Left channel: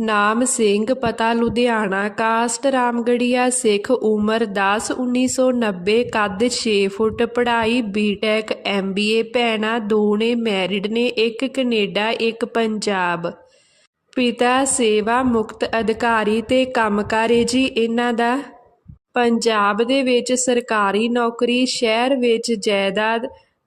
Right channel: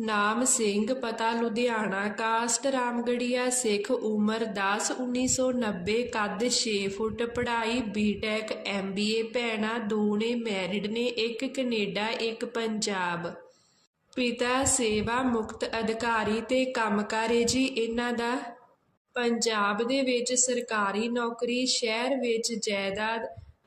ਨਾਮ ਸਿੰਘ, ਪਤਾ ਲੁਧਿਆਣਾ, ਕਾਸਟ ਰਾਮਗੜੀਆ, ਸਿੱਖ ਉਮਰ 10 1990 ਕੱਦ 6 ਫੁੱਟ, ਪੜ੍ਹਾਈ ਬੀਟੈਕ ਐਮਬੀਏ ਭੈਣਾਂ ਦੋ ਮੈਰਿਡ ਨੇ, ਇੱਕ ਕੈਨੇਡਾ, ਇੱਕ ਪੰਜਾਬ। ਪਿਤਾ ਸੇਵਾ ਮੁਕਤ ਅਧਿਕਾਰੀ ਤੇ ਕੰਮਕਾਰੇ ਜੀ ਇਹਨਾਂ ਦਾ। ਪੰਜਾਬ ਦੇ ਵਿੱਚ ਸਰਕਾਰੀ ਨੌਕਰੀ, ਸ਼ਹਿਰ ਵਿੱਚ ਜਾਇਦਾਦ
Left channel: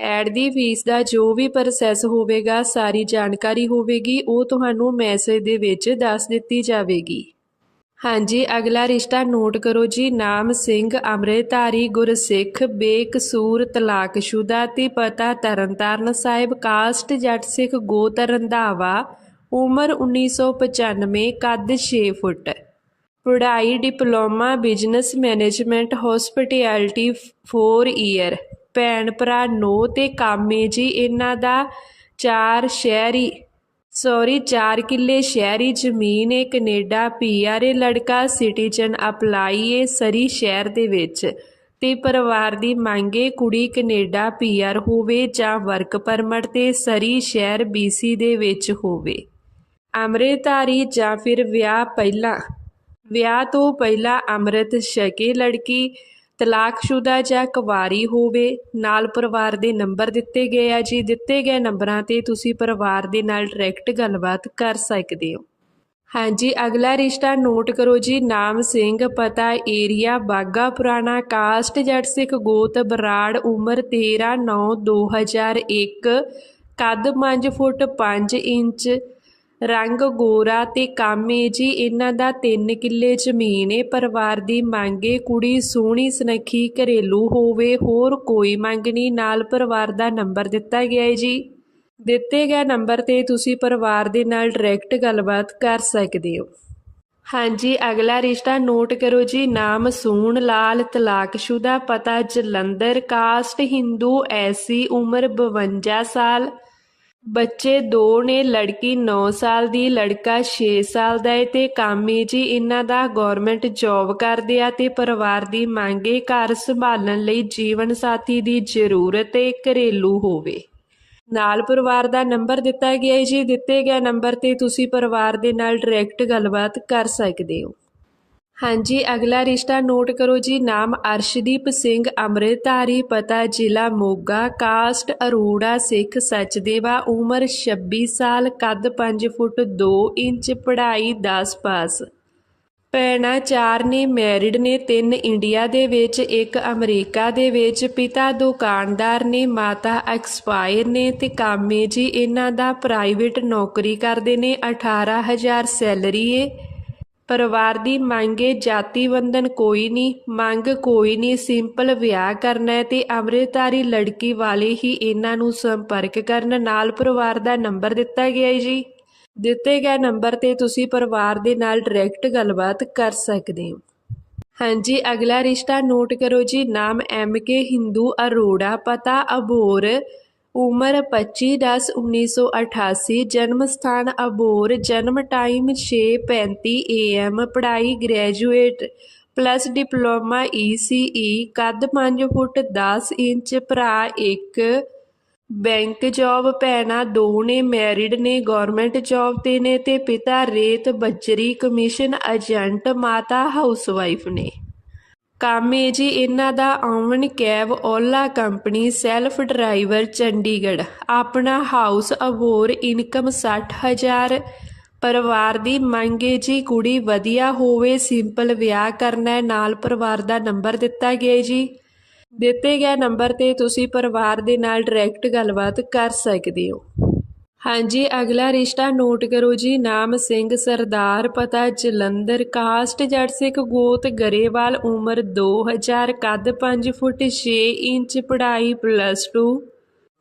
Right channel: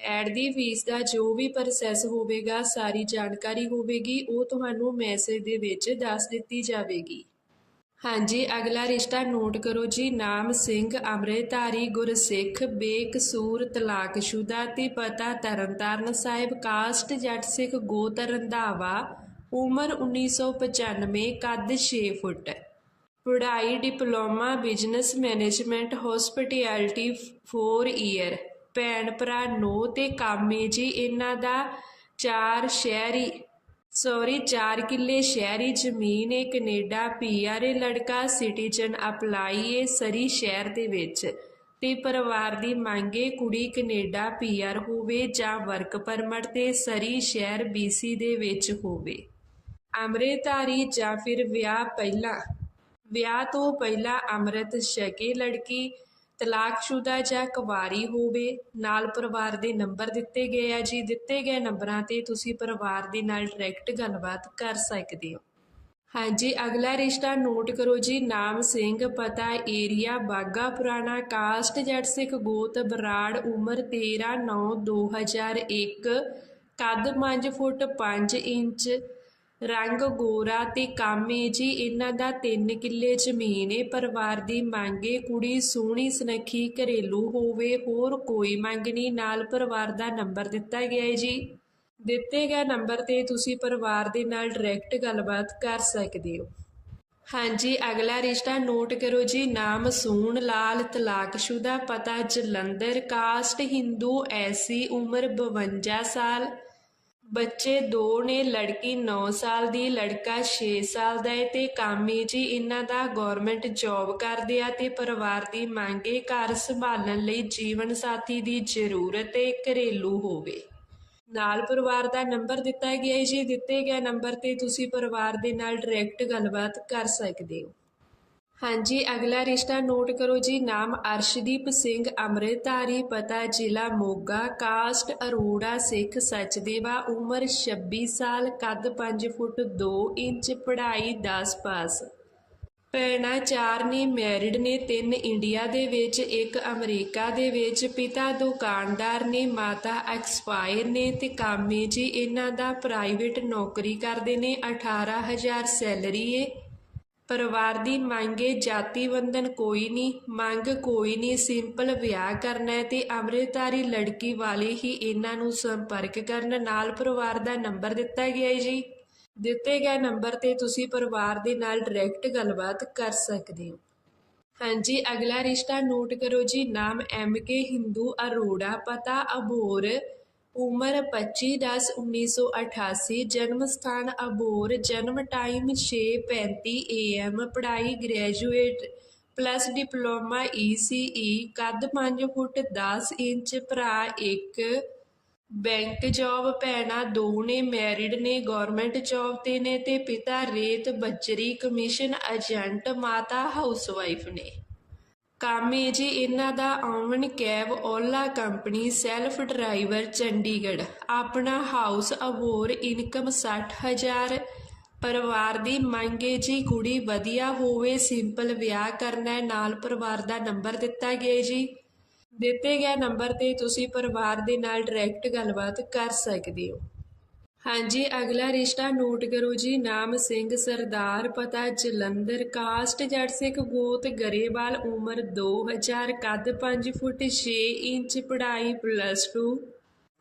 ਐਡ ਦੀ ਫੀਸ ਦਾ ਜੋ ਵੀ ਪ੍ਰੋਸੈਸ ਹੋਵੇਗਾ, ਸਾਰੀ ਜਾਣਕਾਰੀ ਹੋਵੇਗੀ, ਉਹ ਤੁਹਾਨੂੰ ਮੈਸੇਜ ਦੇ ਵਿੱਚ ਦੱਸ ਦਿੱਤੀ ਜਾਵੇਗੀ। ਹਾਂਜੀ, ਅਗਲਾ ਰਿਸ਼ਤਾ ਨੋਟ ਕਰੋ ਜੀ। ਨਾਮ ਸਿੰਘ, ਅੰਮ੍ਰਿਤਧਾਰੀ, ਗੁਰਸਿੱਖ, ਬੇਕਸੂਰ, ਤਲਾਕਸ਼ੁਦਾ ਤੇ ਪਤਾ ਤਰਨਤਾਰਨ ਸਾਹਿਬ, ਕਾਸਟ ਜੱਟ ਸਿੱਖ ਗੋਤ ਰੰਧਾਵਾ ਉਮਰ 1995 ਕੱਦ 6 ਫੁੱਟ। ਪੜ੍ਹਾਈ, diploma, business management hospitality 4 year ਭੈਣ ਭਰਾ ਨੋ ਤੇ ਕਾਮੇ ਜੀ, ਇਹਨਾਂ ਦਾ ਚਾਰ ਸ਼ਹਿਰੀ ਸੌਰੀ ਚਾਰ ਕਿੱਲੇ ਸ਼ਹਿਰੀ ਜ਼ਮੀਨ ਏ ਕੈਨੇਡਾ, ਪੀਆਰ ਏ ਲੜਕਾ ਸਿਟੀਜ਼ਨ ਅਪਲਾਈ ਏ ਸਰੀ ਸ਼ਹਿਰ ਦੇ ਵਿੱਚ ਤੇ ਪਰਿਵਾਰ ਦੀ ਮੰਗ ਏ ਕੁੜੀ ਕੈਨੇਡਾ ਪੀਆਰ ਹੋਵੇ ਜਾਂ ਵਰਕ ਪਰਮਿਟ ਤੇ ਸਰੀ ਸ਼ਹਿਰ ਬੀਸੀ ਦੇ ਵਿੱਚ ਹੋਵੇ। ਅੰਮ੍ਰਿਤਧਾਰੀ ਜਾਂ ਫਿਰ ਵਿਆਹ ਪਹਿਲਾਂ, ਵਿਆਹ ਤੋਂ ਪਹਿਲਾਂ ਅੰਮ੍ਰਿਤ ਛਕੇ ਲੜਕੀ ਤਲਾਕਸ਼ੁਦਾ ਜਾਂ ਕੁਵਾਰੀ ਹੋਵੇ, ਨਾਲ ਪਰਿਵਾਰ ਦੇ ਨੰਬਰ ਦਿੱਤੇ ਗਏ ਆ ਜੀ। ਦਿੱਤੇ ਗਏ ਨੰਬਰਾਂ ਤੇ ਤੁਸੀਂ ਪਰਿਵਾਰ ਦੇ ਨਾਲ ਡਾਇਰੈਕਟ ਗੱਲਬਾਤ ਕਰ ਸਕਦੇ ਹੋ। ਹਾਂਜੀ, ਅਗਲਾ ਰਿਸ਼ਤਾ ਨੋਟ ਕਰੋ ਜੀ। ਨਾਮ ਸਿੰਘ, ਪਤਾ ਏਰੀਆ ਬਾਗਾ ਪੁਰਾਣਾ, ਕਾਸਟ ਜੱਟ ਸਿੱਖ, ਗੋਤ ਬਰਾੜ, ਉਮਰ 13 9 2001 ਕੱਦ 5 ਫੁੱਟ 5 ਇੰਚ ਰੰਗ ਗੋਰਾ ਤੇ ਕਾਮੇ ਜੀ, ਇਹਨਾਂ ਦਾ 3 ਕਿੱਲੇ ਜ਼ਮੀਨ ਏ। ਪਰਿਵਾਰ ਦੀ ਮੰਗੇ ਕੁੜੀ ਸੋਹਣੀ ਸੁਨੱਖੀ ਘਰੇਲੂ ਹੋਵੇ, ਹੋਰ ਕੋਈ ਮੰਗ ਨਹੀਂ। ਨਾਲ ਪਰਿਵਾਰ ਦਾ ਨੰਬਰ ਦਿੱਤਾ ਗਿਆ ਹੈ ਜੀ। ਦਿੱਤੇ ਗਏ ਨੰਬਰ ਤੇ ਤੁਸੀਂ ਪਰਿਵਾਰ ਦੇ ਨਾਲ ਡਾਇਰੈਕਟ ਗੱਲਬਾਤ ਕਰ ਸਕਦੇ ਹੋ। ਹਾਂਜੀ, ਅਗਲਾ ਰਿਸ਼ਤਾ ਨੋਟ ਕਰੋ ਜੀ। ਨਾਮ ਸੂਣ, ਲਾਲ, ਤਲਾਕਸ਼ੁਦਾ, ਪਤਾ ਜਲੰਧਰ, ਕਾਸਟ ਹਿੰਦੂ ਐਸੀ ਉਮਰ 52 ਸਾਲ। ਬੱਚੇ ਦੋ ਨੇ, ਲੜਕੀ 9 ਸਾਲ ਦੀ, ਲੜਕਾ 6 ਸਾਲ ਦਾ ਹੈ ਤੇ ਕਾਮੀ ਜੀ ਇਹਨਾਂ ਦਾ ਗਵਰਨਮੈਂਟ ਜੌਬ ਕਰਦੇ ਆ ਤੇ ਪਰਿਵਾਰ ਦੀ ਮੰਗ ਮੰਗੇ ਘਰ ਸੰਭਾਲਣ ਲਈ ਜੀਵਨ ਸਾਥੀ ਦੀ ਜ਼ਰੂਰਤ ਹੈ ਘਰੇਲੂ ਹੋਵੇ। ਨਾਲ ਪਰਿਵਾਰ ਦਾ ਨੰਬਰ ਦਿੱਤਾ ਗਿਆ ਹੈ ਜੀ, ਦਿੱਤੇ ਗਏ ਨੰਬਰ ਤੇ ਤੁਸੀਂ ਪਰਿਵਾਰ ਦੇ ਨਾਲ ਡਾਇਰੈਕਟ ਗੱਲਬਾਤ ਕਰ ਸਕਦੇ ਹੋ। ਹਾਂਜੀ, ਅਗਲਾ ਰਿਸ਼ਤਾ ਨੋਟ ਕਰੋ ਜੀ। ਨਾਮ ਅਰਸ਼ਦੀਪ ਸਿੰਘ, ਅੰਮ੍ਰਿਤਧਾਰੀ, ਪਤਾ ਜ਼ਿਲ੍ਹਾ ਮੋਗਾ। ਕਾਸਟ ਅਰੋੜਾ, ਸਿੱਖ ਸੱਚਦੇਵਾ, ਉਮਰ 26 ਸਾਲ, ਕੱਦ 5 ਫੁੱਟ 2 ਇੰਚ, ਪੜ੍ਹਾਈ 10 ਪਾਸ। ਭੈਣਾਂ ਚਾਰ ਨੇ ਮੈਰਿਡ ਨੇ, ਤਿੰਨ ਇੰਡੀਆ ਦੇ ਵਿੱਚ, ਇੱਕ ਅਮਰੀਕਾ ਦੇ ਵਿੱਚ। ਪਿਤਾ ਦੁਕਾਨਦਾਰ ਨੇ, ਮਾਤਾ ਐਕਸਪਾਇਰ ਨੇ ਤੇ ਕਾਮੇ ਜੀ, ਇਹਨਾਂ ਦਾ ਪ੍ਰਾਈਵੇਟ ਨੌਕਰੀ ਕਰਦੇ ਨੇ। 18000 ਸੈਲਰੀ ਏ। ਪਰਿਵਾਰ ਦੀ ਮੰਗੇ ਜਾਤੀ ਬੰਧਨ ਕੋਈ ਨਹੀਂ ਮੰਗ ਕੋਈ ਨਹੀਂ ਸਿੰਪਲ ਵਿਆਹ ਕਰਨਾ ਹੈ ਤੇ ਅੰਮ੍ਰਿਤਧਾਰੀ ਲੜਕੀ ਵਾਲੇ ਹੀ ਇਹਨਾਂ ਨੂੰ ਸੰਪਰਕ ਕਰਨ। ਨਾਲ ਪਰਿਵਾਰ ਦਾ ਨੰਬਰ ਦਿੱਤਾ ਗਿਆ ਹੈ ਜੀ। ਦਿੱਤੇ ਗਏ ਨੰਬਰ ਤੇ ਤੁਸੀਂ ਪਰਿਵਾਰ ਦੇ ਨਾਲ ਡਾਇਰੈਕਟ ਗੱਲਬਾਤ ਕਰ ਸਕਦੇ ਹੋ। ਹਾਂਜੀ, ਅਗਲਾ ਰਿਸ਼ਤਾ ਨੋਟ ਕਰੋ ਜੀ। ਨਾਮ ਐਮ ਕੇ ਹਿੰਦੂ ਅਰੋੜਾ, ਪਤਾ ਅਬੋਰ ਉਮਰ 25/10/1988 ਜਨਮ ਸਥਾਨ ਅਬੋਰ, ਜਨਮ ਟਾਈਮ 6:35 AM ਪੜ੍ਹਾਈ graduate plus diploma E C E, ਕੱਦ ਪੰਜ ਫੁੱਟ ਦਸ ਇੰਚ, ਭਰਾ 1 ਬੈਂਕ ਜੌਬ ਭੈਣਾਂ ਦੋ ਨੇ, ਮੈਰਿਡ ਨੇ ਗਵਰਨਮੈਂਟ ਜੌਬ ਤੇ ਨੇ ਤੇ ਪਿਤਾ ਰੇਤ ਬੱਜਰੀ ਕਮਿਸ਼ਨ ਏਜੰਟ, ਮਾਤਾ ਹਾਊਸਵਾਈਫ ਨੇ। ਕਾਮੇ ਜੀ, ਇਹਨਾਂ ਦਾ own cab Ola company self driver Chandigarh. ਆਪਣਾ ਹਾਊਸ ਅਬੋਰ ਇਨਕਮ 60000 ਪਰਿਵਾਰ ਦੀ ਮੰਗੇ ਜੀ, ਕੁੜੀ ਵਧੀਆ ਹੋਵੇ, ਸਿੰਪਲ ਵਿਆਹ ਕਰਨਾ ਹੈ ਨਾਲ ਪਰਿਵਾਰ ਦਾ ਨੰਬਰ ਦਿੱਤਾ ਗਿਆ ਜੀ। ਦਿੱਤੇ ਗਏ ਨੰਬਰ ਤੇ ਤੁਸੀਂ ਪਰਿਵਾਰ ਦੇ ਨਾਲ ਡਾਇਰੈਕਟ ਗੱਲਬਾਤ ਕਰ ਸਕਦੇ ਹੋ। ਹਾਂਜੀ, ਅਗਲਾ ਰਿਸ਼ਤਾ ਨੋਟ ਕਰੋ ਜੀ। ਨਾਮ ਸਿੰਘ, ਸਰਦਾਰ, ਪਤਾ ਜਲੰਧਰ। ਕਾਸਟ ਜੱਟ ਸਿੱਖ ਗੋਤ ਗਰੇਵਾਲ, ਉਮਰ 2000 ਕੱਦ 5 ਫੁੱਟ 6 ਇੰਚ, ਪੜ੍ਹਾਈ plus 2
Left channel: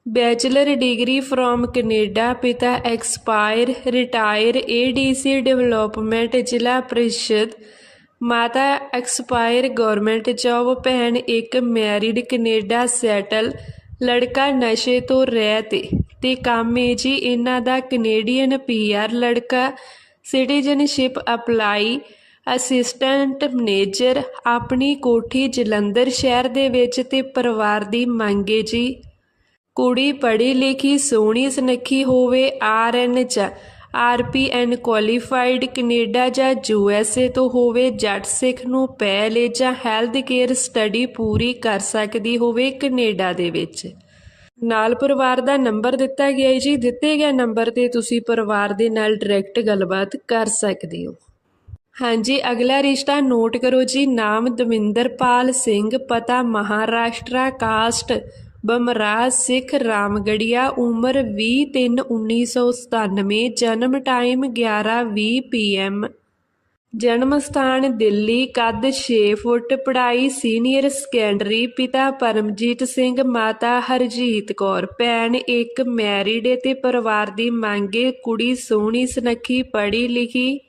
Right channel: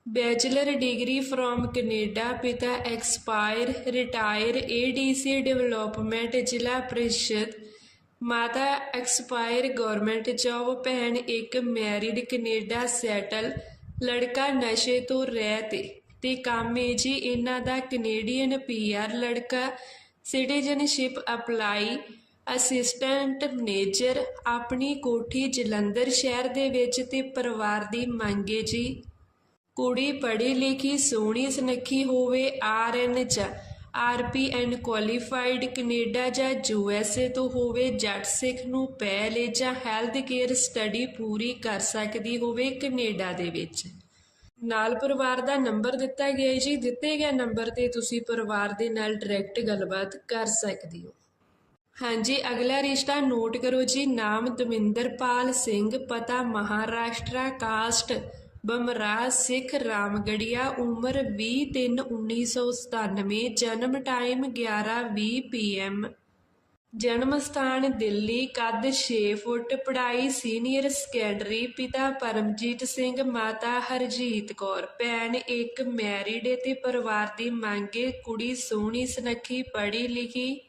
bachelor degree from Canada, ਪਿਤਾ ਐਕਸਪਾਇਰ ਰਿਟਾਇਰ ਏਡੀਸੀ ਡਿਵੈਲਪਮੈਂਟ ਜ਼ਿਲ੍ਹਾ ਪ੍ਰੀਸ਼ਦ। ਮਾਤਾ ਐਕਸਪਾਇਰ ਗਵਰਨਮੈਂਟ ਜੌਬ ਭੈਣ ਇੱਕ ਮੈਰਿਡ ਕੈਨੇਡਾ ਸੈਟਲ ਲੜਕਾ ਨਸ਼ੇ ਤੋਂ ਰਹਿਤ ਏ ਤੇ ਕੰਮ ਏ ਜੀ ਇਹਨਾਂ ਦਾ ਕੈਨੇਡੀਅਨ ਪੀਆਰ ਲੜਕਾ ਸਿਟੀਜ਼ਨਸ਼ਿਪ ਅਪਲਾਈ ਅਸਿਸਟੈਂਟ ਮੈਨੇਜਰ ਆਪਣੀ ਕੋਠੀ ਜਲੰਧਰ ਸ਼ਹਿਰ ਦੇ ਵਿੱਚ ਤੇ ਪਰਿਵਾਰ ਦੀ ਮੰਗ ਏ ਜੀ। ਕੁੜੀ ਪੜ੍ਹੀ ਲਿਖੀ ਸੋਹਣੀ ਸੁਨੱਖੀ ਹੋਵੇ ਆਰਐਨ ਚ ਆਰਪੀਐਨ ਕੁਆਲੀਫਾਈਡ ਕੈਨੇਡਾ ਜਾਂ ਯੂਐਸਏ ਤੋਂ ਹੋਵੇ, ਜੱਟ ਸਿੱਖ ਨੂੰ ਪਹਿਲੇ ਜਾਂ ਹੈਲਥ ਕੇਅਰ ਸਟੱਡੀ ਪੂਰੀ ਕਰ ਸਕਦੀ ਹੋਵੇ ਕੈਨੇਡਾ ਦੇ ਵਿੱਚ। ਨਾਲ ਪਰਿਵਾਰ ਦਾ ਨੰਬਰ ਦਿੱਤਾ ਗਿਆ ਹੈ ਜੀ। ਦਿੱਤੇ ਗਏ ਨੰਬਰ ਤੇ ਤੁਸੀਂ ਪਰਿਵਾਰ ਦੇ ਨਾਲ ਡਾਇਰੈਕਟ ਗੱਲਬਾਤ ਕਰ ਸਕਦੇ ਹੋ। ਹਾਂਜੀ, ਅਗਲਾ ਰਿਸ਼ਤਾ ਨੋਟ ਕਰੋ ਜੀ। ਨਾਮ ਦਵਿੰਦਰਪਾਲ ਸਿੰਘ, ਪਤਾ ਮਹਾਰਾਸ਼ਟਰਾ, ਕਾਸਟ ਬਮਰਾਜ ਸਿੱਖ ਰਾਮਗੜੀਆ ਉਮਰ 20/3/1997 ਜਨਮ ਟਾਈਮ 11:20 ਪੀਐਮ ਜਨਮ ਸਥਾਨ ਦਿੱਲੀ, ਕੱਦ 6 ਫੁੱਟ, ਪੜ੍ਹਾਈ ਸੀਨੀਅਰ ਸੈਕੰਡਰੀ ਪਿਤਾ ਪਰਮਜੀਤ ਸਿੰਘ, ਮਾਤਾ ਹਰਜੀਤ ਕੌਰ। ਭੈਣ ਇੱਕ ਮੈਰਿਡ ਏ ਤੇ ਪਰਿਵਾਰ ਦੀ ਮੰਗੇ ਕੁੜੀ ਸੋਹਣੀ, ਸੁਨੱਖੀ ਪੜ੍ਹੀ ਲਿਖੀ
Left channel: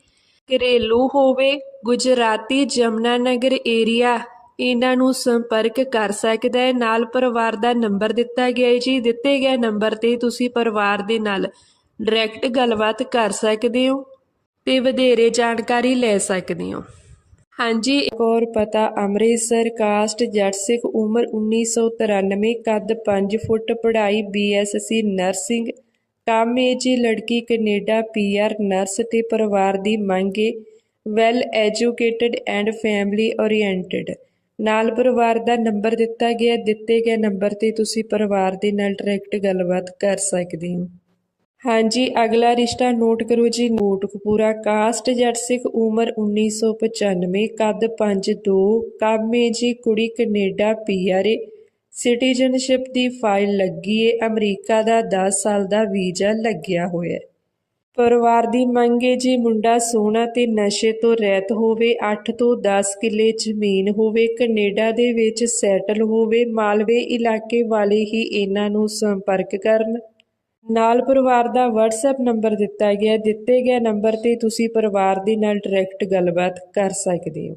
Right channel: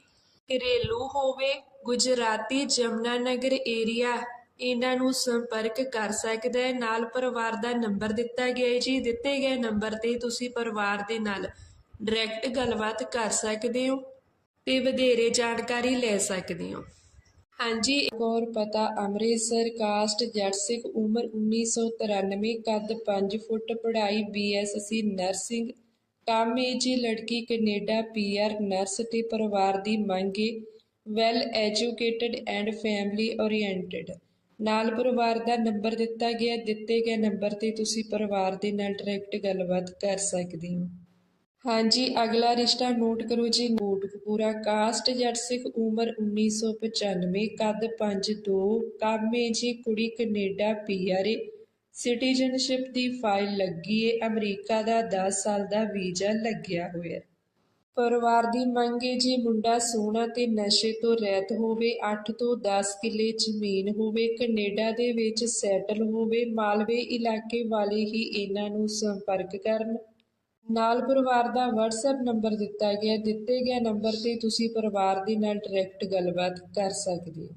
ਘਰੇਲੂ ਹੋਵੇ। ਗੁਜਰਾਤੀ ਜਮਨਾ ਨਗਰ ਏਰੀਆ ਇਹਨਾਂ ਨੂੰ ਸੰਪਰਕ ਕਰ ਸਕਦਾ ਹੈ। ਨਾਲ ਪਰਿਵਾਰ ਦਾ ਨੰਬਰ ਦਿੱਤਾ ਗਿਆ ਹੈ ਜੀ। ਦਿੱਤੇ ਗਏ ਨੰਬਰ ਤੇ ਤੁਸੀਂ ਪਰਿਵਾਰ ਦੇ ਨਾਲ ਡਾਇਰੈਕਟ ਗੱਲਬਾਤ ਕਰ ਸਕਦੇ ਹੋ ਤੇ ਵਧੇਰੇ ਜਾਣਕਾਰੀ ਲੈ ਸਕਦੇ ਹੋ। ਹਾਂਜੀ, ਇੱਕ ਹੋਰ ਪਤਾ, ਅੰਮ੍ਰਿਤਸਰ ਕਾਸਟ ਜੱਟ ਸਿੱਖ ਉਮਰ 1993 ਕੱਦ 5 ਫੁੱਟ, ਪੜ੍ਹਾਈ ਬੀਐਸਸੀ ਨਰਸਿੰਗ। ਕੰਮ ਏ ਜੀ, ਲੜਕੀ ਕੈਨੇਡਾ ਪੀਆਰ ਨਰਸ ਤੇ ਪਰਿਵਾਰ ਦੀ ਮੰਗੇ well educated and family oriented ਨਾਲ ਪਰਿਵਾਰ ਦਾ ਨੰਬਰ ਦਿੱਤਾ ਗਿਆ, ਦਿੱਤੇ ਗਏ ਨੰਬਰ ਤੇ ਤੁਸੀਂ ਪਰਿਵਾਰ ਦੇ ਨਾਲ ਡਾਇਰੈਕਟ ਗੱਲਬਾਤ ਕਰ ਸਕਦੇ ਹੋ। ਹਾਂਜੀ, ਅਗਲਾ ਰਿਸ਼ਤਾ ਨੋਟ ਕਰੋ ਜੀ। ਨੋਟਕਪੂਰਾ, ਕਾਸਟ ਜੱਟ ਸਿੱਖ, ਉਮਰ 1995 ਕੱਦ 5'2 ਕਾਮੇ ਜੀ, ਕੁੜੀ ਕੈਨੇਡਾ, ਪੀਆਰਏ। ਸਿਟੀਜ਼ਨਸ਼ਿਪ ਦੀ ਫਾਈਲ ਲੱਗੀ ਏ। ਅਮਰੀਕਾ ਦਾ 10 ਸਾਲ ਦਾ ਵੀਜ਼ਾ ਲੱਗਿਆ ਹੋਇਆ। ਪਰਿਵਾਰ ਦੀ ਮੰਗ ਹੈ ਜੀ ਮੁੰਡਾ ਸੋਹਣਾ ਤੇ ਨਸ਼ੇ ਤੋਂ ਰਹਿਤ ਹੋਵੇ 8 ਤੋਂ 10 ਕਿੱਲੇ ਜ਼ਮੀਨ ਹੋਵੇ, ਕੈਨੇਡਾ ਦੇ ਵਿੱਚ ਸੈਟਲ ਹੋਵੇ, ਮਾਲਵੇ ਇਲਾਕੇ ਵਾਲੇ ਹੀ ਇਹਨਾਂ ਨੂੰ ਸੰਪਰਕ ਕਰਨ। ਨਾਲ ਪਰਿਵਾਰ ਦਾ WhatsApp ਨੰਬਰ ਦਿੱਤਾ ਗਿਆ, ਦਿੱਤੇ ਗਏ ਨੰਬਰ ਤੇ ਤੁਸੀਂ ਪਰਿਵਾਰ ਦੇ ਨਾਲ ਡਾਇਰੈਕਟ ਗੱਲਬਾਤ ਕਰ ਸਕਦੇ ਹੋ।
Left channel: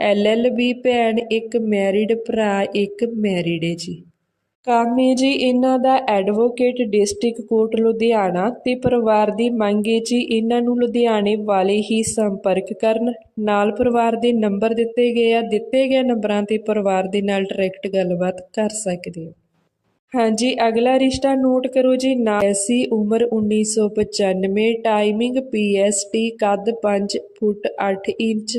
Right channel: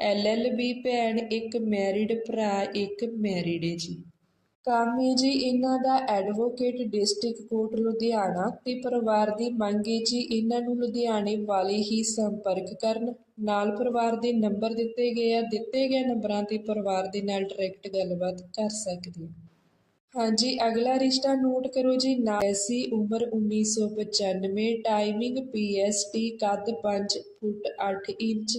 ਐਲਐਲਬੀ ਭੈਣ ਇੱਕ ਮੈਰਿਡ ਭਰਾ, ਇੱਕ ਮੈਰਿਡ ਹੈ ਜੀ। ਕੰਮ ਹੈ ਜੀ, ਇਹਨਾਂ ਦਾ ਐਡਵੋਕੇਟ ਡਿਸਟ੍ਰਿਕਟ ਕੋਰਟ ਲੁਧਿਆਣਾ ਤੇ ਪਰਿਵਾਰ ਦੀ ਮੰਗ ਹੈ ਜੀ ਇਹਨਾਂ ਨੂੰ ਲੁਧਿਆਣੇ ਵਾਲੇ ਹੀ ਸੰਪਰਕ ਕਰਨ। ਨਾਲ ਪਰਿਵਾਰ ਦੇ ਨੰਬਰ ਦਿੱਤੇ ਗਏ ਆ, ਦਿੱਤੇ ਗਏ ਨੰਬਰਾਂ ਤੇ ਪਰਿਵਾਰ ਦੇ ਨਾਲ ਡਾਇਰੈਕਟ ਗੱਲਬਾਤ ਕਰ ਸਕਦੇ ਹੋ ਹਾਂਜੀ, ਅਗਲਾ ਰਿਸ਼ਤਾ ਨੋਟ ਕਰੋ ਜੀ, ਨਾ ਨਾਸੀ ਉਮਰ 1995 ਟਾਈਮਿੰਗ ਪੀਐਸਟੀ ਕੱਦ 5 ਫੁੱਟ 8 ਇੰਚ।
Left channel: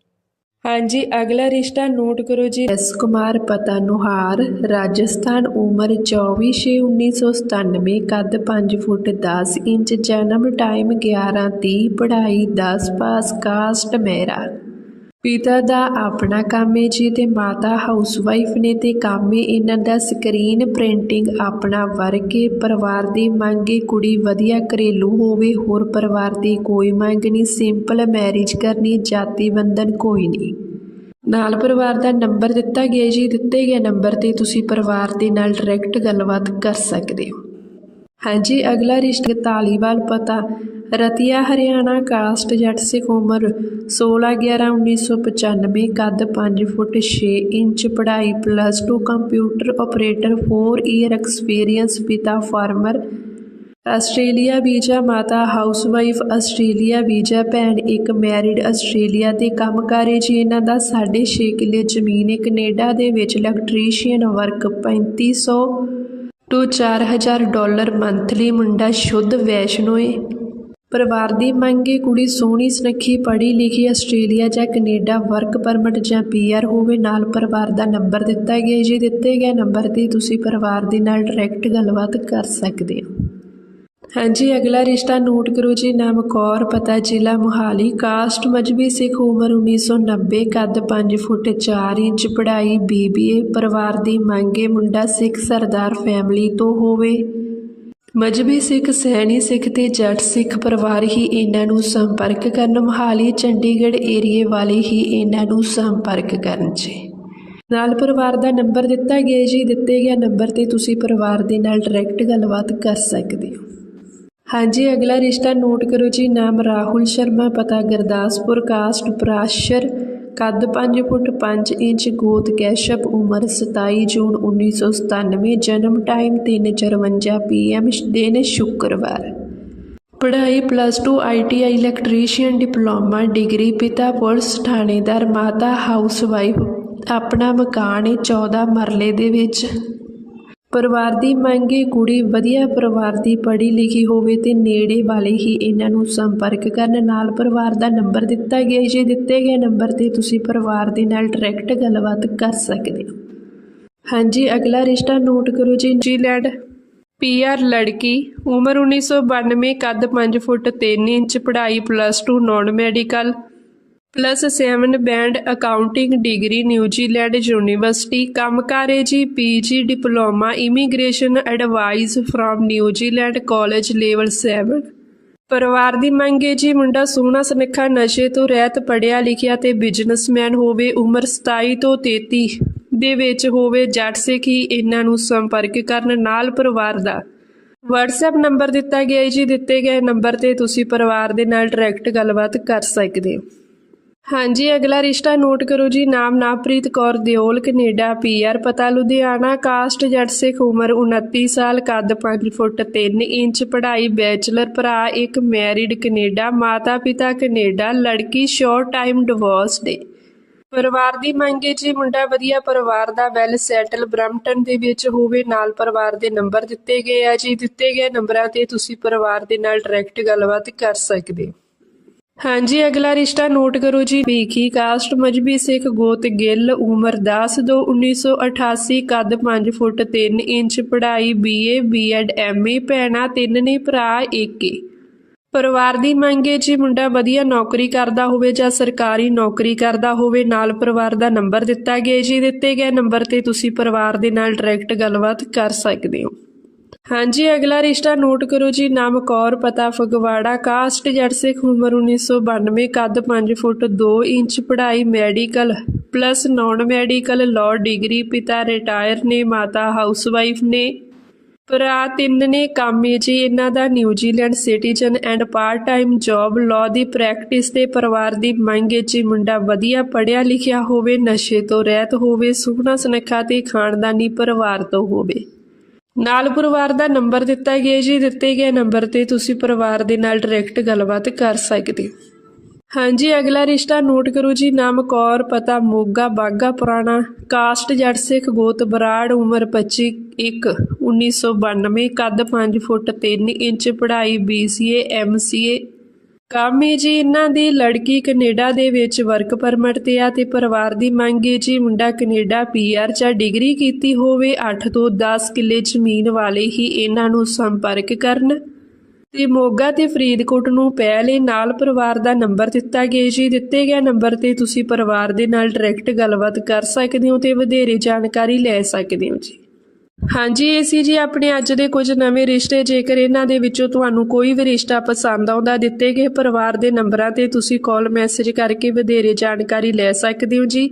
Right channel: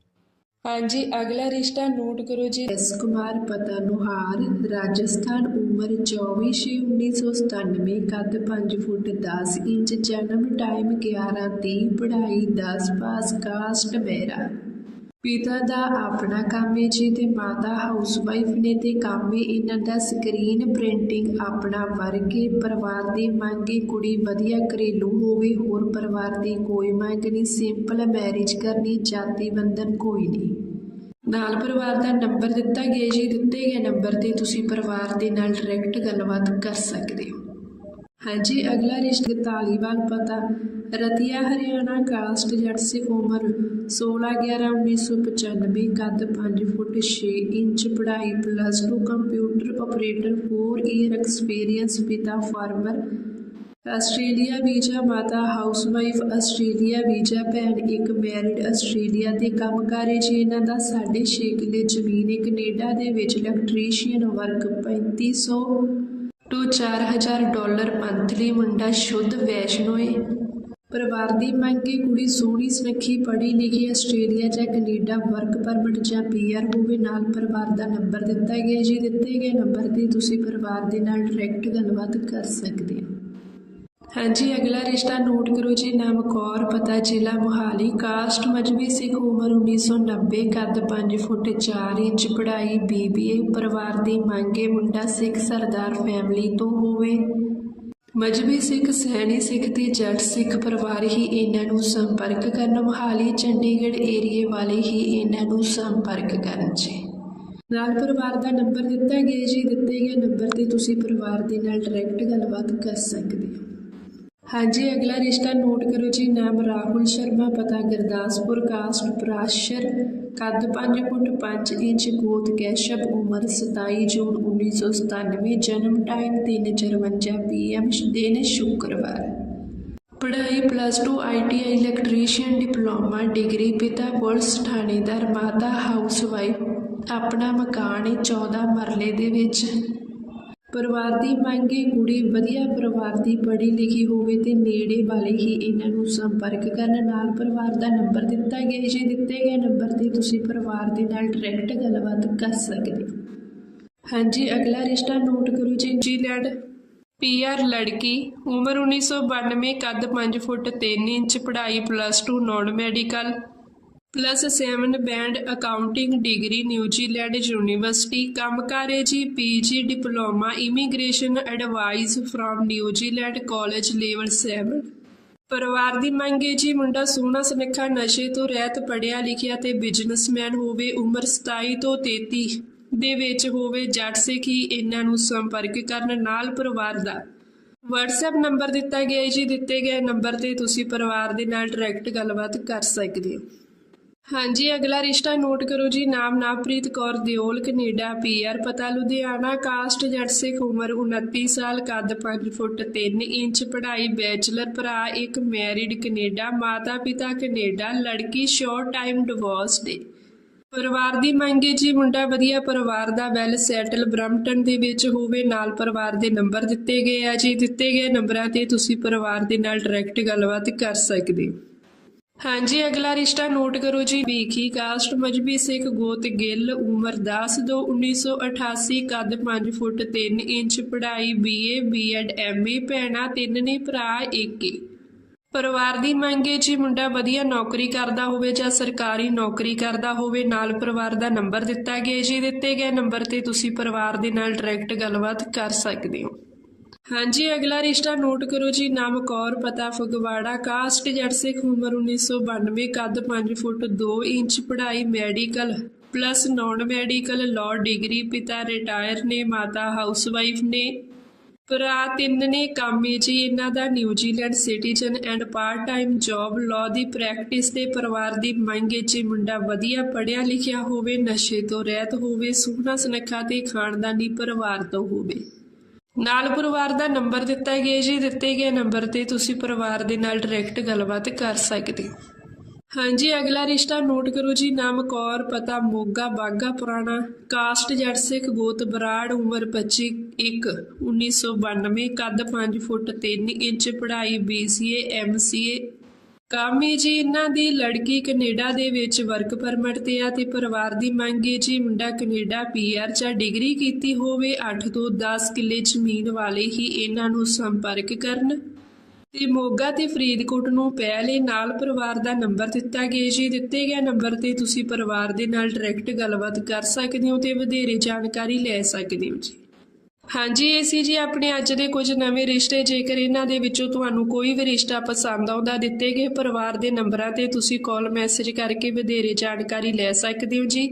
ਹਾਂਜੀ, ਅਗਲਾ ਰਿਸ਼ਤਾ ਨੋਟ ਕਰੋ ਜੀ। ਐਸ ਕੁਮਾਰ ਪਤਾ ਨੁਹਾਰ ਰਾਜਸਥਾਨ, ਉਮਰ 24/6/1997 ਕੱਦ 5 ਫੁੱਟ 10 ਇੰਚ, ਜਨਮ ਟਾਈਮ 11:30 ਪੜ੍ਹਾਈ 10 ਪਾਸ ਕਾਸਟ ਮੇਰਾ ਪਿਤਾ ਦਾ ਆਪਣਾ ਕੰਮ ਹੈ ਜੀ ਤੇ ਮਾਤਾ ਹਾਊਸਵਾਈਫ ਨੇ ਤੇ ਕੰਮ ਹੈ ਇਹਨਾਂ ਦਾ ਸਕਰੀਨ ਪ੍ਰਿੰਟਿੰਗ ਆਪਣਾ ਵਰਕ ਹੈ ਪਰਿਵਾਰ ਦੀ ਮੰਗ ਹੈ ਕੁੜੀ ਵਧੀਆ ਘਰੇਲੂ ਹੋਵੇ, ਹੋਰ ਪਰਿਵਾਰ ਦੀ ਕੋਈ ਮੰਗ ਨਹੀਂ। ਸਿੰਪਲ ਮੈਰਿਜ ਕਰਨੀ, ਜਾਤੀ ਬੰਧਨ ਕੋਈ ਨਹੀਂ। ਨਾਲ ਪਰਿਵਾਰ ਦਾ ਨੰਬਰ ਦਿੱਤਾ ਗਿਆ ਜੀ। ਦਿੱਤੇ ਗਏ ਨੰਬਰ ਤੇ ਤੁਸੀਂ ਪਰਿਵਾਰ ਦੇ ਨਾਲ ਡਾਇਰੈਕਟ ਗੱਲਬਾਤ ਕਰ ਸਕਦੇ ਹੋ। ਹਾਂਜੀ, ਅਗਲਾ ਰਿਸ਼ਤਾ ਤਾਲੀਵਾਲ ਪਤਾ। ਰਤੀਆ ਹਰਿਆਣਾ ਕਾਸਟ ਜੱਟ ਸਿੱਖ ਉਮਰ 16/11/1995 ਕੱਦ 5 ਫੁੱਟ 6 ਇੰਚ, ਪੜ੍ਹਾਈ plus 2 computer operator 4 year experience ਪਿਤਾ ਫਾਰਮਰ ਆਸਟ੍ਰੇਲੀਆ ਵੀਜ਼ਾ, ਮਾਤਾ ਹਾਊਸਵਾਈਫ ਆਸਟ੍ਰੇਲੀਆ ਵੀਜ਼ਾ, ਭੈਣ ਇੱਕ ਮੈਰਿਡ ਆਸਟ੍ਰੇਲੀਆ ਦੇ ਕੰਮ ਕਰੇ ਜੀ। ਇਹਨਾਂ ਦਾ 6.5 ਕਿੱਲੇ ਜ਼ਮੀਨ ਹੈ ਕੈਨੇਡਾ ਦੇ ਵਿੱਚ electrician work 3500 to 4000 dollar monthly ਮੁੰਡਾ ਸ਼ੁੱਧ ਵੈਸ਼ਨੋ ਏ। ਪਰਿਵਾਰ ਦੀ ਮੰਗ ਹੈ ਕੁੜੀ ਸੋਹਣੀ, ਸੁਨੱਖੀ, ਪੜ੍ਹੀ ਲਿਖੀ ਆਸਟ੍ਰੇਲੀਆ ਜਾਂ ਕੈਨੇਡਾ ਵਰਕ ਪਰਮਿਟ ਜਾਂ ਪੀਆਰ ਹੋਵੇ, ਨਾਲ ਪਰਿਵਾਰ ਦਾ ਨੰਬਰ ਦਿੱਤਾ ਗਿਆ ਜੀ ਦਿੱਤੇ ਗਏ ਨੰਬਰ ਤੇ ਤੁਸੀਂ ਪਰਿਵਾਰ ਦੇ ਨਾਲ ਡਾਇਰੈਕਟ ਗੱਲਬਾਤ ਕਰ ਸਕਦੇ ਹੋ। ਹਾਂਜੀ, ਅਗਲਾ ਰਿਸ਼ਤਾ ਨੋਟ ਕਰੋ ਜੀ। ਨਾਮ ਕੌਰ, ਪਤਾ ਜ਼ਿਲ੍ਹਾ ਮੁਹਾਲੀ। ਕਾਸਟ ਮਜਬੀ ਸਿੱਖ ਉਮਰ 1990 ਕੱਦ 5 ਫੁੱਟ 4 ਇੰਚ, ਪੜ੍ਹਾਈ ਬੀਬੀਏ, ਪਰਿਵਾਰ ਦੀ ਮੰਗੇ ਮੁੰਡਾ ਸਿੱਖ ਸਰਦਾਰ ਫੈਮਿਲੀ ਤੋਂ ਹੋਵੇ। ਮਜਬੀ ਸਿੱਖ, ਸੈਣੀ ਸਿੱਖ ਤੇ ਜੱਟ ਸਿੱਖ ਪਰਿਵਾਰ ਹੀ ਇਹਨਾਂ ਨੂੰ ਸੰਪਰਕ ਕਰਨ। ਮੁਹਾਲੀ, ਚੰਡੀਗੜ੍ਹ ਏਰੀਏ ਵਾਲੇ ਹੀ ਇਹਨਾਂ ਨੂੰ ਸੰਪਰਕ ਕਰਨ ਜੀ। ਨਾਲ ਪਰਿਵਾਰ ਦਾ ਨੰਬਰ ਦਿੱਤਾ ਗਿਆ ਜੀ। ਦਿੱਤੇ ਗਿਆ ਨੰਬਰ ਤੇ ਤੁਸੀਂ ਪਰਿਵਾਰ ਦੇ ਨਾਲ ਡਾਇਰੈਕਟ ਗੱਲਬਾਤ ਕਰ ਸਕਦੇ ਹੋ। ਹਾਂਜੀ, ਅਗਲਾ ਰਿਸ਼ਤਾ ਨੋਟ ਕਰੋ ਜੀ। ਨਾਮ ਰਾਹੁਲ ਸ਼ਰਮਾ, ਪਤਾ ਗੁਰਦਾਸਪੁਰ, ਕਾਸਟ, ਪ੍ਰਾਸ਼ਰ ਕੱਦ 5 ਫੁੱਟ 5 ਇੰਚ ਗੋਤ ਕੈਸ਼ਪ ਉਮਰ 27 ਜੂਨ 1997 ਜਨਮ ਟਾਈਮ 3:54 ਪੀਐਮ ਦਿਨ ਸ਼ੁੱਕਰਵਾਰ। ਪੜ੍ਹਾਈ plus 2 ITI electrician diploma, degree ਪਿਤਾ ਪੁਲਿਸ ਥਾਣੇਦਾਰ, ਮਾਤਾ ਹਾਊਸਵਾਈਫ ਆਪਣਾ ਮਕਾਨ ਹੈ 14 ਮਰਲੇ ਦੇ ਵਿੱਚ। ਪਰਿਵਾਰ ਦੀ ਮੰਗ ਹੈ ਕੁੜੀ ਵਧੀਆ ਪਰਿਵਾਰ ਦੀ ਪੜ੍ਹੀ ਲਿਖੀ ਹੋਵੇ ਤੇ ਨੇੜੇ ਵਾਲੇ ਹੀ ਇਹਨਾਂ ਨੂੰ ਸੰਪਰਕ ਕਰਨ। ਨਾਲ ਪਰਿਵਾਰ ਦਾ ਨੰਬਰ ਦਿੱਤਾ ਗਿਆ ਜੇ ਦਿੱਤੇ ਗਏ ਨੰਬਰ ਤੇ ਤੁਸੀਂ ਪਰਿਵਾਰ ਦੇ ਨਾਲ ਡਾਇਰੈਕਟ ਗੱਲਬਾਤ ਕਰ ਸਕਦੇ ਹਾਂਜੀ, ਅਗਲਾ ਰਿਸ਼ਤਾ ਨੋਟ ਕਰੋ ਜੀ। ਨਿਊਜ਼ੀਲੈਂਡ ਪੀਆਰ ਲੜਕੀ, ਉਮਰ 1992 ਕੱਦ 5 ਫੁੱਟ 3 ਇੰਚ, ਪੜ੍ਹਾਈ plus 2 non medical plus 7 band accounting degree New Zealand university ਕੰਮਕਾਰੇ ਜੀ। PG diploma immigration advice from New Zealand college level 7 ਪਰਿਵਾਰ ਦੀ ਮੰਗ ਹੈ ਜੀ, ਮੁੰਡਾ ਸੋਹਣਾ ਸੁਨੱਖਾ, ਨਸ਼ੇ ਤੋਂ ਰਹਿਤ ਪੜਿਆ ਲਿਖਿਆ ਤੇ ਬਿਜ਼ਨਸਮੈਨ ਹੋਵੇ, ਉਮਰ 27 ਤੋਂ 33 ਦੇ ਵਿੱਚ ਹੋਵੇ, ਜੱਟ ਸਿੱਖ ਹੀ ਇਹਨਾਂ ਨੂੰ ਸੰਪਰਕ ਕਰਨ ਨਾਲ ਪਰਿਵਾਰ ਦਾ। WhatsApp ਨੰਬਰ ਦਿੱਤਾ ਗਿਆ ਹੈ ਜੀ, ਦਿੱਤੇ ਗਏ ਨੰਬਰ ਤੇ ਤੁਸੀਂ ਪਰਿਵਾਰ ਦੇ ਨਾਲ ਡਾਇਰੈਕਟ ਗੱਲਬਾਤ ਕਰ ਸਕਦੇ ਹੋ। ਹਾਂਜੀ, ਅਗਲਾ ਰਿਸ਼ਤਾ ਨੋਟ ਕਰੋ ਜੀ। ਨਾਮ ਨਾਪ੍ਰੀਤ ਕੌਰ ਦਿਓਲ, ਕੈਨੇਡਾ ਪੀਆਰ ਪਤਾ ਲੁਧਿਆਣਾ, ਕਾਸਟ ਜੱਟ ਸਿੱਖ ਉਮਰ 29 ਸਾਲ, ਕੱਦ 5 ਫੁੱਟ 3 ਇੰਚ, ਪੜ੍ਹਾਈ ਬੈਚਲਰ ਭਰਾ, ਇੱਕ ਮੈਰਿਡ ਕੈਨੇਡਾ, ਮਾਤਾ ਪਿਤਾ ਕੈਨੇਡਾ, ਲੜਕੀ ਸ਼ੋਰਟ ਟਾਈਮ ਡਿਵੋਰਸ ਦੇ। ਪਰਿਵਾਰ ਦੀ ਮੰਗ ਹੈ ਜੀ, ਮੁੰਡਾ ਵਧੀਆ ਪਰਿਵਾਰ ਦਾ ਵੈਲ ਸੈਟਲ ਬ੍ਰੈਂਪਟਨ ਦੇ ਵਿੱਚ ਹੋਵੇ, ਨਾਲ ਪਰਿਵਾਰ ਦੇ ਨੰਬਰ ਦਿੱਤੇ ਗਏ ਆ ਜੀ। ਦਿੱਤੇ ਗਏ ਨੰਬਰਾਂ ਤੇ ਤੁਸੀਂ ਪਰਿਵਾਰ ਦੇ ਨਾਲ ਡਾਇਰੈਕਟ ਗੱਲਬਾਤ ਕਰ ਸਕਦੇ ਹੋ। ਹਾਂਜੀ, ਅਗਲਾ ਰਿਸ਼ਤਾ ਨੋਟ ਕਰੋ ਜੀ। ਭੀਖੀ ਕਾਸਟ ਮਜਬੀ ਸਿੱਖ ਗੋਤ ਗਿੱਲ, ਉਮਰ 10 ਦੋ 1988 ਕੱਦ 5 ਫੁੱਟ 3 ਇੰਚ, ਪੜ੍ਹਾਈ ਬੀਏ, ਬੀਐਡ, ਐਮਏ, ਭੈਣਾ ਤਿੰਨ ਨੇ, ਭਰਾ ਇੱਕ ਏ। ਪਰਿਵਾਰ ਦੀ ਮੰਗ ਹੈ ਜੀ, ਮੁੰਡਾ ਵਧੀਆ ਨੌਕਰੀ ਕਰਦਾ ਹੋਵੇ ਜਾਂ ਸਰਕਾਰੀ ਨੌਕਰੀ ਕਰਦਾ ਹੋਵੇ, ਨਾਲ ਪਰਿਵਾਰ ਦਾ ਨੰਬਰ ਦਿੱਤਾ ਗਿਆ ਜੀ। ਦਿੱਤੇ ਗਏ ਨੰਬਰ ਤੇ ਤੁਸੀਂ ਪਰਿਵਾਰ ਦੇ ਨਾਲ ਡਾਇਰੈਕਟ ਗੱਲਬਾਤ ਕਰ ਸਕਦੇ ਹੋ। ਹਾਂਜੀ, ਅਗਲਾ ਰਿਸ਼ਤਾ ਨੋਟ ਕਰੋ ਜੀ, ਨਾਮ ਕੌਰ, ਪਤਾ ਫਗਵਾੜਾ, ਕਾਸਟ ਜੱਟ ਸਿੱਖ, ਉਮਰ 1992 ਕੱਦ 5 ਫੁੱਟ 2 ਇੰਚ, ਪੜ੍ਹਾਈ medical plus non medical law degree, ਪਿਤਾ ਰਿਟਾਇਰ ਨੇ, ਮਾਤਾ ਹਾਊਸਵਾਈਫ ਨੇ। ਭਰਾ ਤਿੰਨ ਨੇ, ਕਾਮੇ ਜੀ, ਇਹਨਾਂ ਦਾ New Zealand citizen and part time job law the practice ਤੇ ਪਰਿਵਾਰ ਦੀ ਮੰਗ ਹੈ ਜੀ, ਮੁੰਡਾ ਵਧੀਆ ਪੜਿਆ ਲਿਖਿਆ ਹੋਵੇ, ਨਸ਼ੇ ਤੋਂ ਰਹਿਤ ਹੋਵੇ, ਸੁਖਨਾ ਸੁਨੱਖਾ ਤੇ ਖਾਨਦਾਨੀ ਪਰਿਵਾਰ ਤੋਂ ਹੋਵੇ। ਨਾਲ ਪਰਿਵਾਰ ਦਾ ਨੰਬਰ ਦਿੱਤਾ ਗਿਆ ਜੀ, ਦਿੱਤੇ ਗਏ ਨੰਬਰ ਤੇ ਤੁਸੀਂ ਪਰਿਵਾਰ ਦੇ ਨਾਲ ਡਾਇਰੈਕਟ ਗੱਲਬਾਤ ਕਰ ਸਕਦੇ ਹੋ। ਹਾਂਜੀ, ਅਗਲਾ ਰਿਸ਼ਤਾ ਨੋਟ ਕਰੋ ਜੀ, ਨਾਮ ਕੌਰ, ਪਤਾ ਮੋਗਾ, ਬਾਗਾ ਪੁਰਾਣਾ, ਕਾਸਟ ਜੱਟ ਸਿੱਖ ਗੋਤ ਬਰਾੜ, ਉਮਰ 25 1 1992 ਕੱਦ 5 ਫੁੱਟ 3 ਇੰਚ, ਪੜ੍ਹਾਈ BCA MCA ਕੰਮ ਹੈ ਜੀ ਇਹਨਾਂ ਦੀ ਲੜਕੀ ਕੈਨੇਡਾ ਦੇ ਵਿੱਚ ਵਰਕ ਪਰਮਿਟ ਤੇ ਆ ਤੇ ਪਰਿਵਾਰ ਦੀ ਮੰਗ ਹੈ ਜੀ ਮੁੰਡਾ ਕੈਨੇਡਾ ਪੀਆਰ ਜਾਂ ਡਿਗਰੀ ਕੀਤੀ ਹੋਵੇ 8 ਤੋਂ 10 ਕਿੱਲੇ ਜ਼ਮੀਨ ਵਾਲੇ ਹੀ ਇਹਨਾਂ ਨੂੰ ਸੰਪਰਕ ਕਰਨ। ਤੇ ਮੋਗਾ ਤੇ ਫਰੀਦਕੋਟ ਨੂੰ ਪਹਿਲੇ ਨਾਲ ਪਰਿਵਾਰ ਦਾ ਨੰਬਰ ਦਿੱਤਾ ਗਿਆ ਜੀ। ਦਿੱਤੇ ਗਿਆ ਨੰਬਰ ਤੇ ਤੁਸੀਂ ਪਰਿਵਾਰ ਦੇ ਨਾਲ ਡਾਇਰੈਕਟ ਗੱਲਬਾਤ ਕਰ ਸਕਦੇ ਹੋ ਤੇ ਵਧੇਰੇ ਜਾਣਕਾਰੀ ਲੈ ਸਕਦੇ ਹੋ ਜੀ। ਹਾਂਜੀ ਇਹ ਸੀ ਜੀ, ਆਪਣੇ ਅੱਜ ਦੇ ਕੁਝ ਨਵੇਂ ਰਿਸ਼ਤੇ, ਜੇਕਰ ਇਹਨਾਂ ਦੇ ਵਿੱਚੋਂ ਤੁਹਾਨੂੰ ਕੋਈ ਵੀ ਰਿਸ਼ਤਾ ਪਸੰਦ ਆਉਂਦਾ ਦਿੱਤੇ ਗਏ ਪਰਿਵਾਰ ਦੇ ਨੰਬਰਾਂ ਤੇ ਤੁਸੀਂ ਕਾਲ ਮੈਸੇਜ ਕਰਕੇ ਵਧੇਰੇ ਜਾਣਕਾਰੀ ਲੈ ਸਕਦੇ ਹੋ ਜੀ।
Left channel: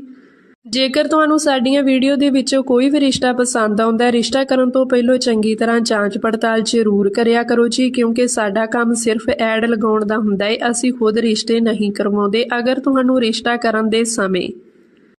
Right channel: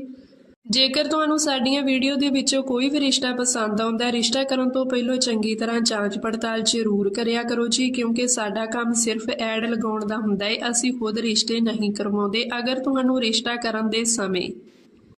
ਜੇਕਰ ਤੁਹਾਨੂੰ ਸਾਡੀਆਂ ਵੀਡੀਓ ਦੇ ਵਿੱਚੋਂ ਕੋਈ ਵੀ ਰਿਸ਼ਤਾ ਪਸੰਦ ਆਉਂਦਾ, ਰਿਸ਼ਤਾ ਕਰਨ ਤੋਂ ਪਹਿਲਾਂ ਚੰਗੀ ਤਰ੍ਹਾਂ ਜਾਂਚ ਪੜਤਾਲ ਜ਼ਰੂਰ ਕਰਿਆ ਕਰੋ ਜੀ, ਕਿਉਂਕਿ ਸਾਡਾ ਕੰਮ ਸਿਰਫ ਐਡ ਲਗਾਉਣ ਦਾ ਹੁੰਦਾ ਹੈ ਅਸੀਂ ਖੁਦ ਰਿਸ਼ਤੇ ਨਹੀਂ ਕਰਵਾਉਂਦੇ। ਅਗਰ ਤੁਹਾਨੂੰ ਰਿਸ਼ਤਾ ਕਰਨ ਦੇ ਸਮੇਂ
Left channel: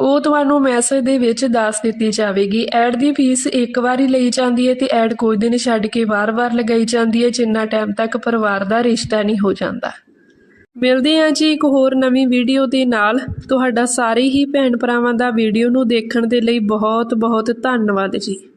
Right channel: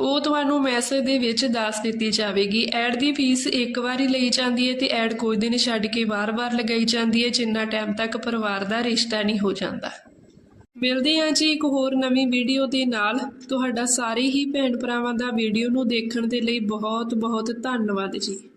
ਉਹ ਤੁਹਾਨੂੰ ਮੈਸੇਜ ਦੇ ਵਿੱਚ ਦੱਸ ਦਿੱਤੀ ਜਾਵੇਗੀ। ਐਡ ਦੀ ਫੀਸ ਇੱਕ ਵਾਰੀ ਲਈ ਜਾਂਦੀ ਹੈ ਤੇ ਐਡ ਕੁਝ ਦਿਨ ਛੱਡ ਕੇ ਵਾਰ-ਵਾਰ ਲਗਾਈ ਜਾਂਦੀ ਹੈ, ਜਿੰਨਾ ਟਾਈਮ ਤੱਕ ਪਰਿਵਾਰ ਦਾ ਰਿਸ਼ਤਾ ਨਹੀਂ ਹੋ ਜਾਂਦਾ। ਮਿਲਦੇ ਹਾਂ ਜੀ ਇੱਕ ਹੋਰ ਨਵੀਂ ਵੀਡੀਓ ਦੇ ਨਾਲ। ਤੁਹਾਡਾ ਸਾਰੇ ਹੀ ਭੈਣ ਭਰਾਵਾਂ ਦਾ ਵੀਡੀਓ ਨੂੰ ਦੇਖਣ ਦੇ ਲਈ ਬਹੁਤ ਬਹੁਤ ਧੰਨਵਾਦ ਜੀ।